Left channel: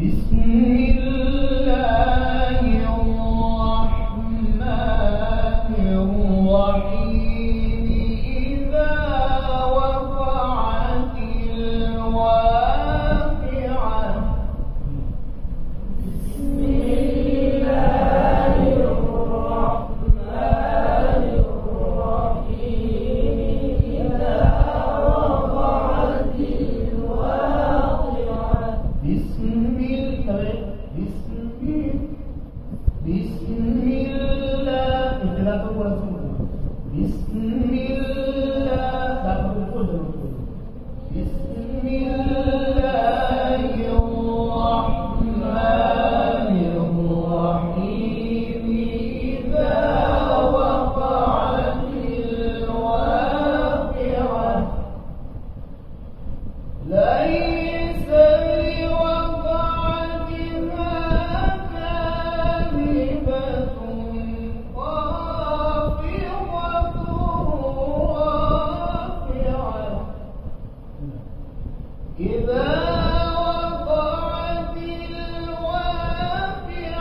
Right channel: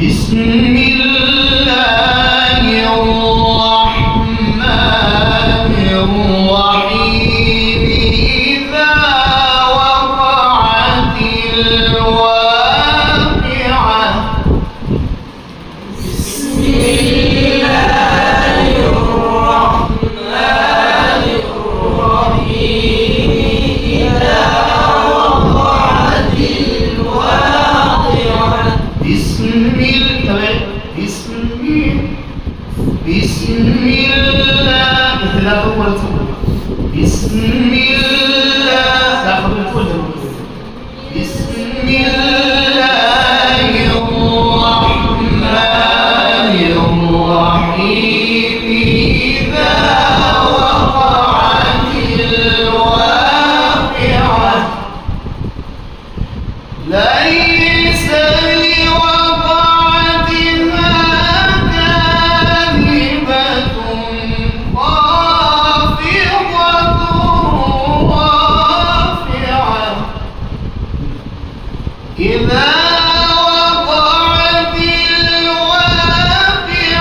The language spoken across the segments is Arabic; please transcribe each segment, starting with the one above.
بسم الله الرحمن الرحيم إذا وقعت الواقعة بسم الله الرحمن الرحيم إذا وقعت الواقعة بسم الله بسم الله بسم الله الرحمن الرحيم إذا وقعت الواقعة ليس لوقعتها كاذبة خافضة رافعة إذا وقعت الواقعة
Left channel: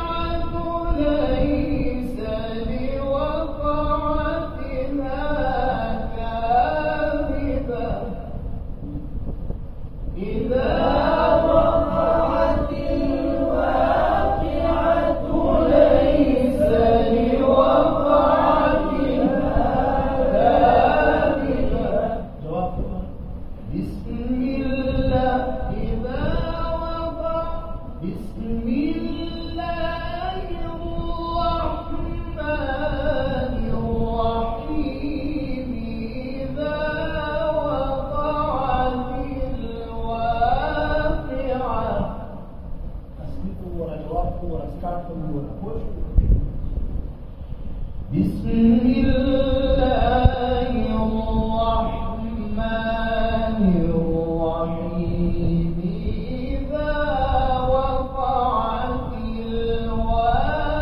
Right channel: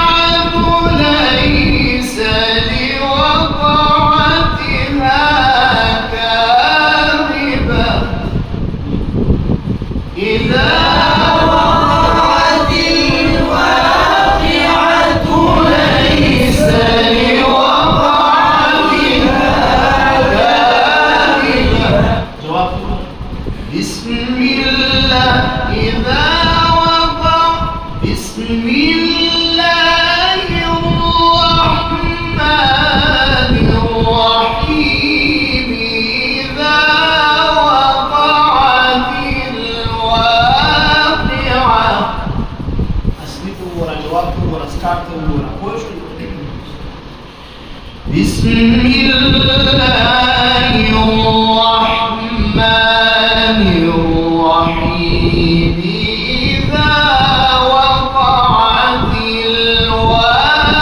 ليس لوقعتها كاذبة إذا وقعت الواقعة ليس لوقعتها كاذبة جواب بسم الله إذا وقع بسم الله الرحمن الرحيم إذا وقعت الواقعة أسمعوا ورا جوابكم ورا ستارتوا ورا كل شيء بسم الله الرحمن الرحيم إذا وقعت الواقعة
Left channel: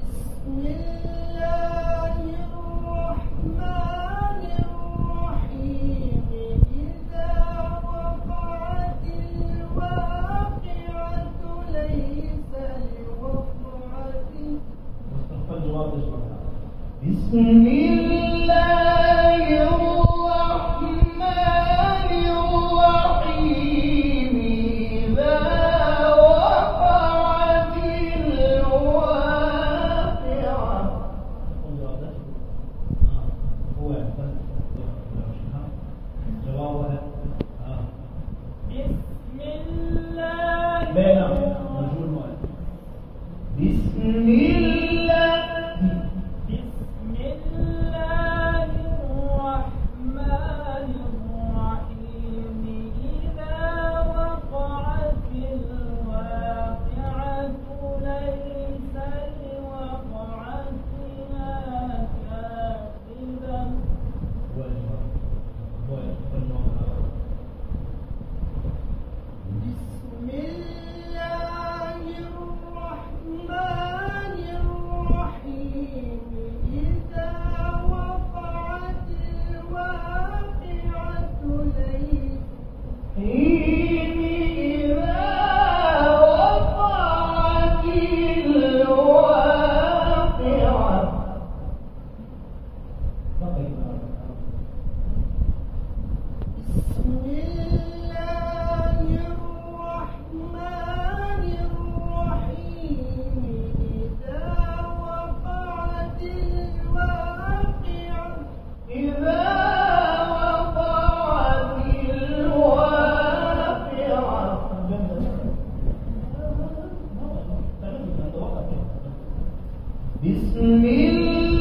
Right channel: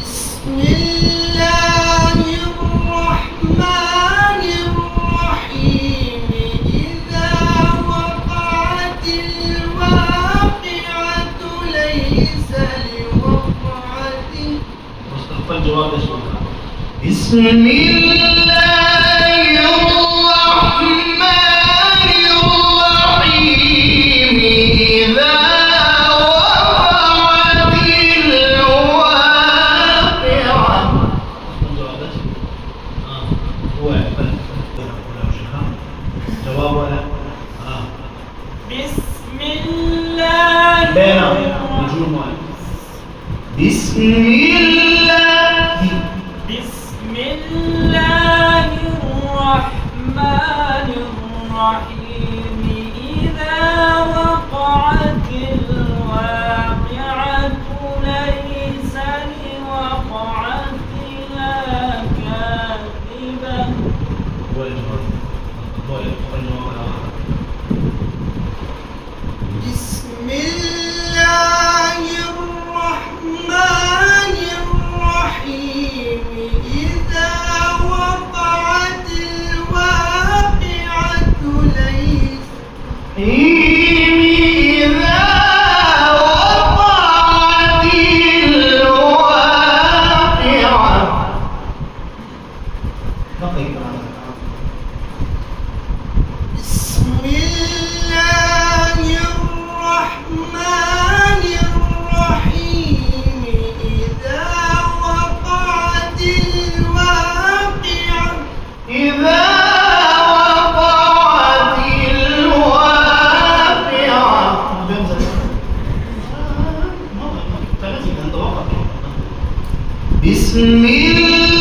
بسم الله الرحمن الرحيم إذا وقعت الواقعة ليس لوقعتها كاذبة بسم الله الرحمن الرحيم إذا وقعت الواقعة جواب بسم الله بسم الله بسم الله الرحمن الرحيم إذا وقعت الواقعة ليس لوقعتها كاذبة بسم الله الرحمن الرحيم بسم الله